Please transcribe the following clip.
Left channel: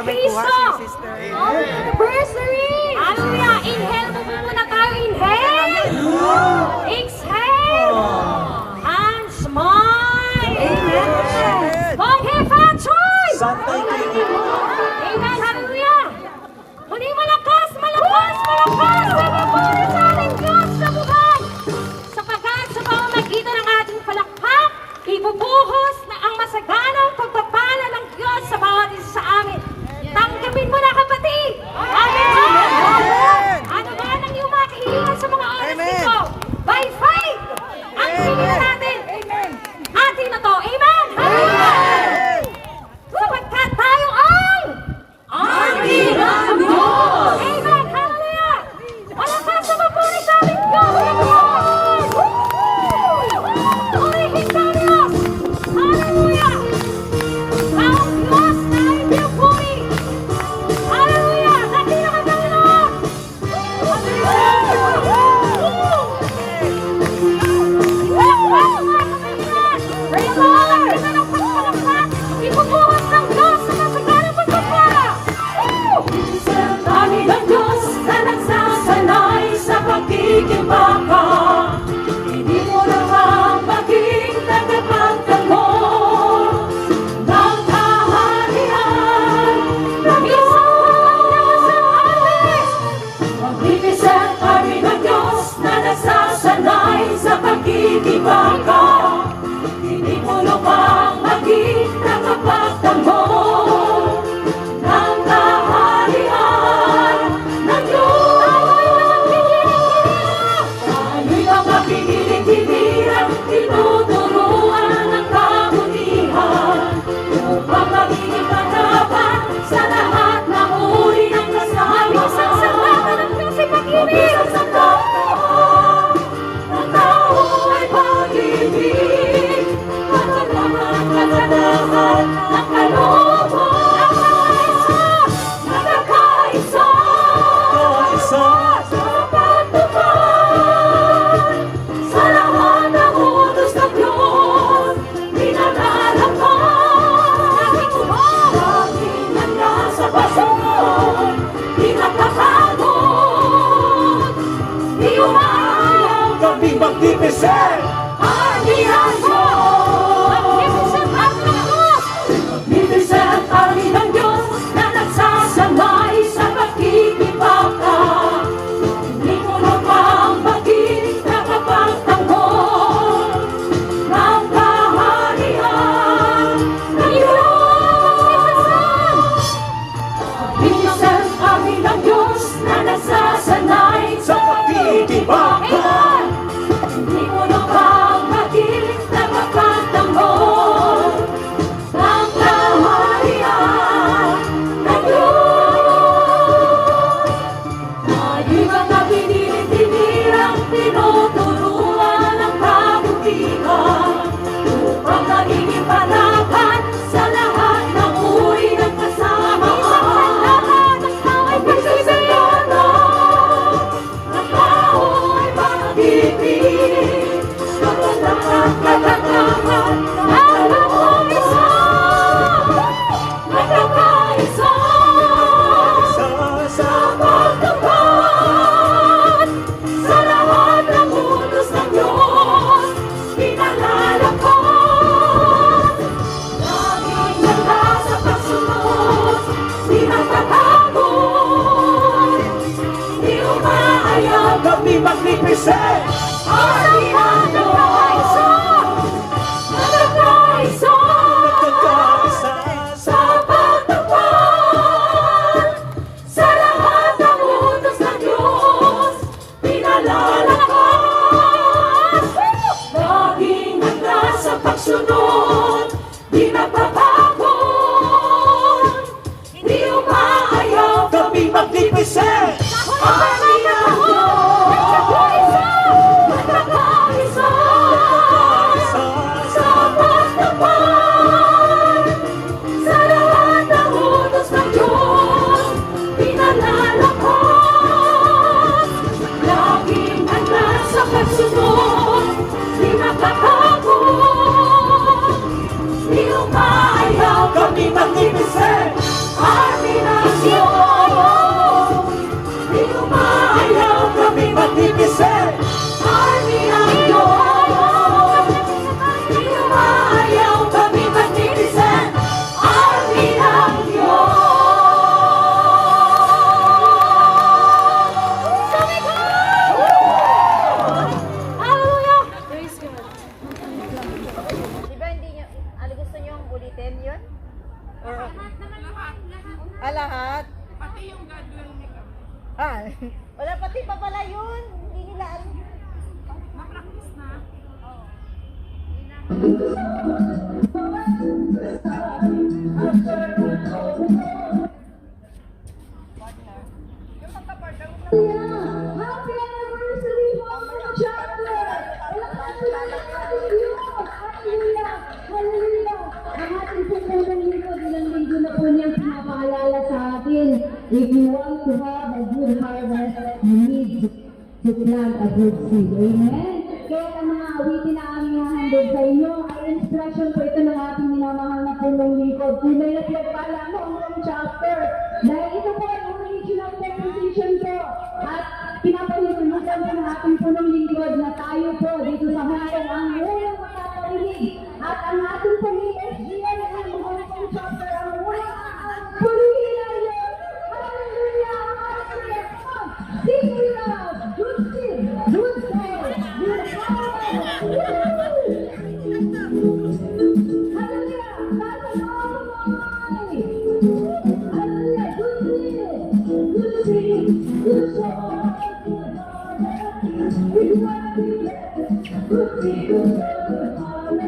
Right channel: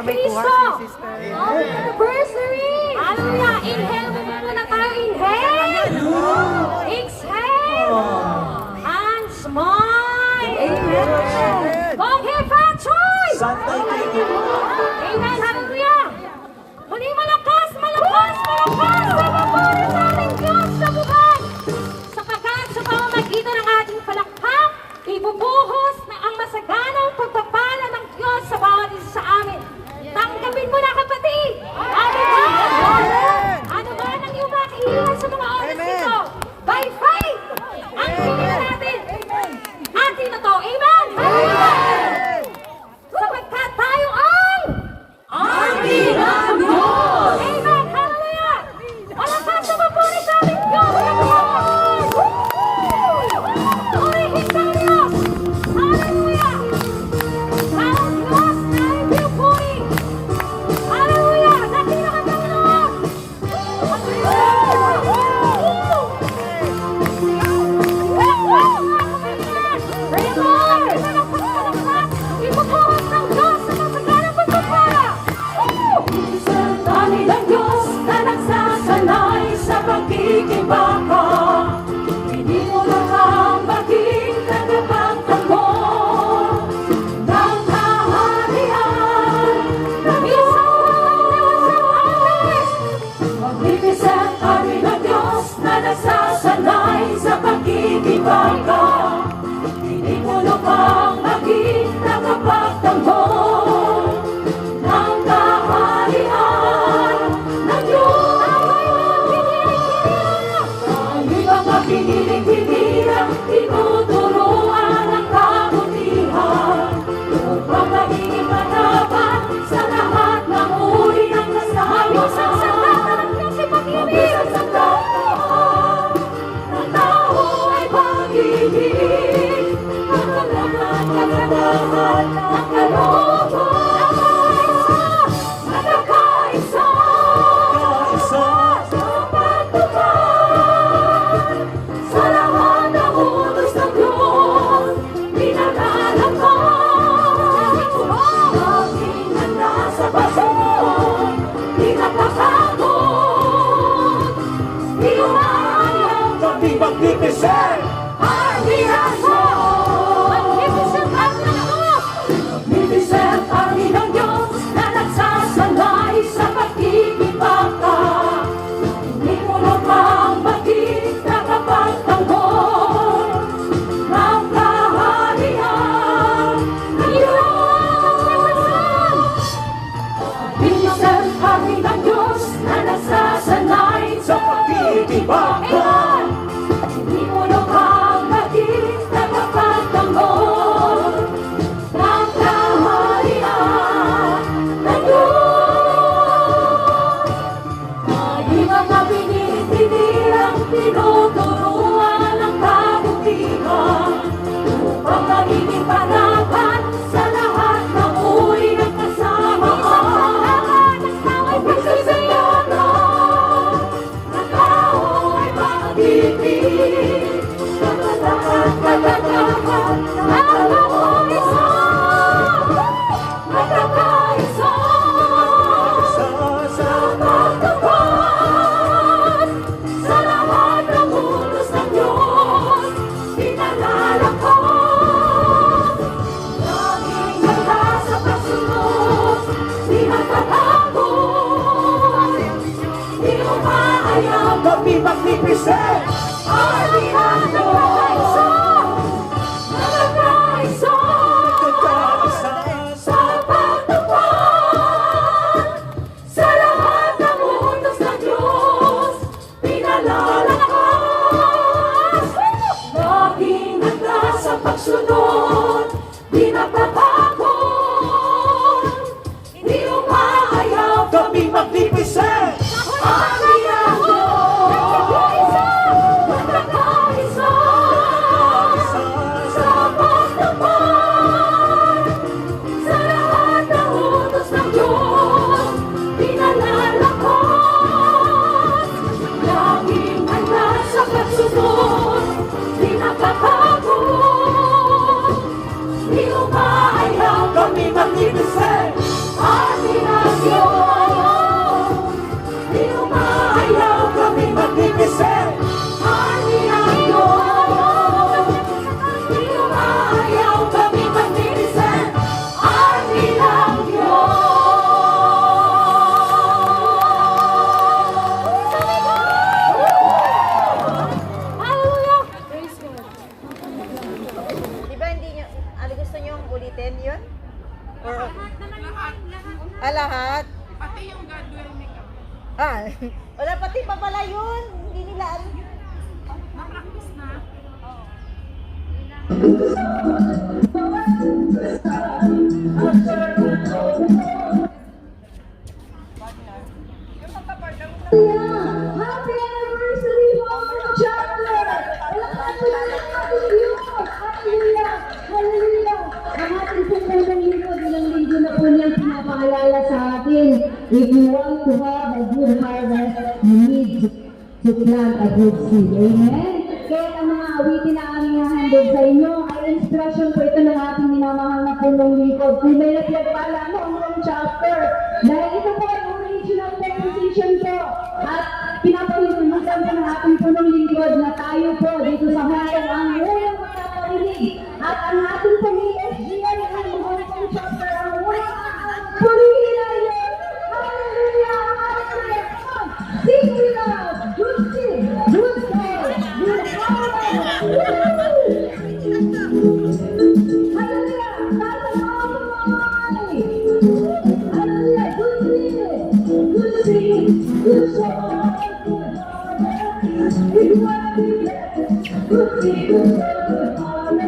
para may kuha si sister. Anniversary! Hallelujah! Inhale mo muna tayo. Inhale! Exhale! And smile! Amen. Okay, Franchoy! Santay kayo. Amen! Hallelujah! Huli malakas! Malakas! Malakas! Sa mga nating Diyos sa buhay! Sapagkat sa pamamagitan ng ating palakpak, ibubuhos na ang masaganang pagpapala ng Diyos sa bawat isa sa amin. Tanggapin mo na, kapatid! Amen! Ano ba ang iyong makiiwan sa mga oras nito? By faith! Ang tingin natin! Atin na to! Amen! Amen! Sapagkat tayo ang ating ng Diyos! Amen! Hallelujah! Malakas sa mabuhay sa ating Diyos! Purihin sa Diyos! Hallelujah! Ang Diyos ay pinupuri! Hallelujah! Nakita ka sa Lord! Praise the Lord! Ipupuhos ng Diyos sa kasaganang pagpapala! Dami ng Diyos na nagsasanay sa pagkikibaka. Hindi mo naman maging tagapagtanggol ng kaharian ng isang alis. Magnificent kami ng Diyos na nagsasanay sa pagkikibaka. Hindi mo naman maging tagapagtanggol ng kaharian ng Diyos. Tayo'y mga piniling-pinilan, tinuturuan ng kabutihan, upang magiging katapat sa lahat ng uri ng kasama. Isang sambata ng Diyos ay pag-ibig! Mabisang sandaan ng tao ay pag-ibig, magkalaman kasalahan ng kalooban. Magkakaisa, Kaisa. magkatupad sa lahat ng utos ng Diyos. Pinaglalakad laging handa sa pasunod, di nagkakagod, di umayaw. Kami magnificent. Magnificent kami ng Diyos na nagsasanay sa pagkikibaka. Hindi mo naman maging tagapagtanggol ng kaharian ng Diyos. Magnificent kami ng Diyos na nagsasanay sa pagkikibaka. Hindi mo naman maging tagapagtanggol ng kaharian ng Diyos. Tayo'y mga pinipinilang tinuturuan ng kabutihan, upang magiging panatag sa lahat ng uri ng kasamaan. Pagsisayanan ng tao ay pag-ibig, magkakaisa sa pagtupad sa lahat ng utos ng Diyos. Pinalalakad laging handa sa pagsunod, di magpapagod, di umayaw. Kami magnificent. Ating ang Diyos, magkakaisa Kaisa. sa pagtupad sa lahat ng utos ng Diyos. Pinalalakad laging handa sa pagsunod, di natatakot, di umaayaw. Kami magnificent. Ating ang Diyos, 10 yun? Or, Lahat naman yun, lahat na. lahat? Pati yung Godwell makeup. Ah, wala pati pa pala yun. Hindi nila alam. Na-practice na. Happy anniversary mga chapter! Hallelujah! Hallelujah! Ang ating pagkakang lingkod, ilang linggo na po niyang pinapaalala sa atin. If you want to have a good harvest, you need to plant a good seed. Amen? Kaya ang mga awitin na aming hahandog sa inyo ay inspirasyon po ito ng ating minamahal na punong lingkod. Kung may napagpala mo ang chapter, dahil ito po ang original composition ko at pinapahintulutan ko ng ating punong lingkod na tayo po dito sa Hong ang unang makaparinig at ang ating pang-ESGN ang Hong Kong chapter ang unang purihin natin. Hallelujah! Hallelujah! Sing with us! Good sing! Good day! Good Hallelujah! Tayo mga Hallelujah! Good sing! Good song! Good harmony! Good happiness! Good sing! Good harmony!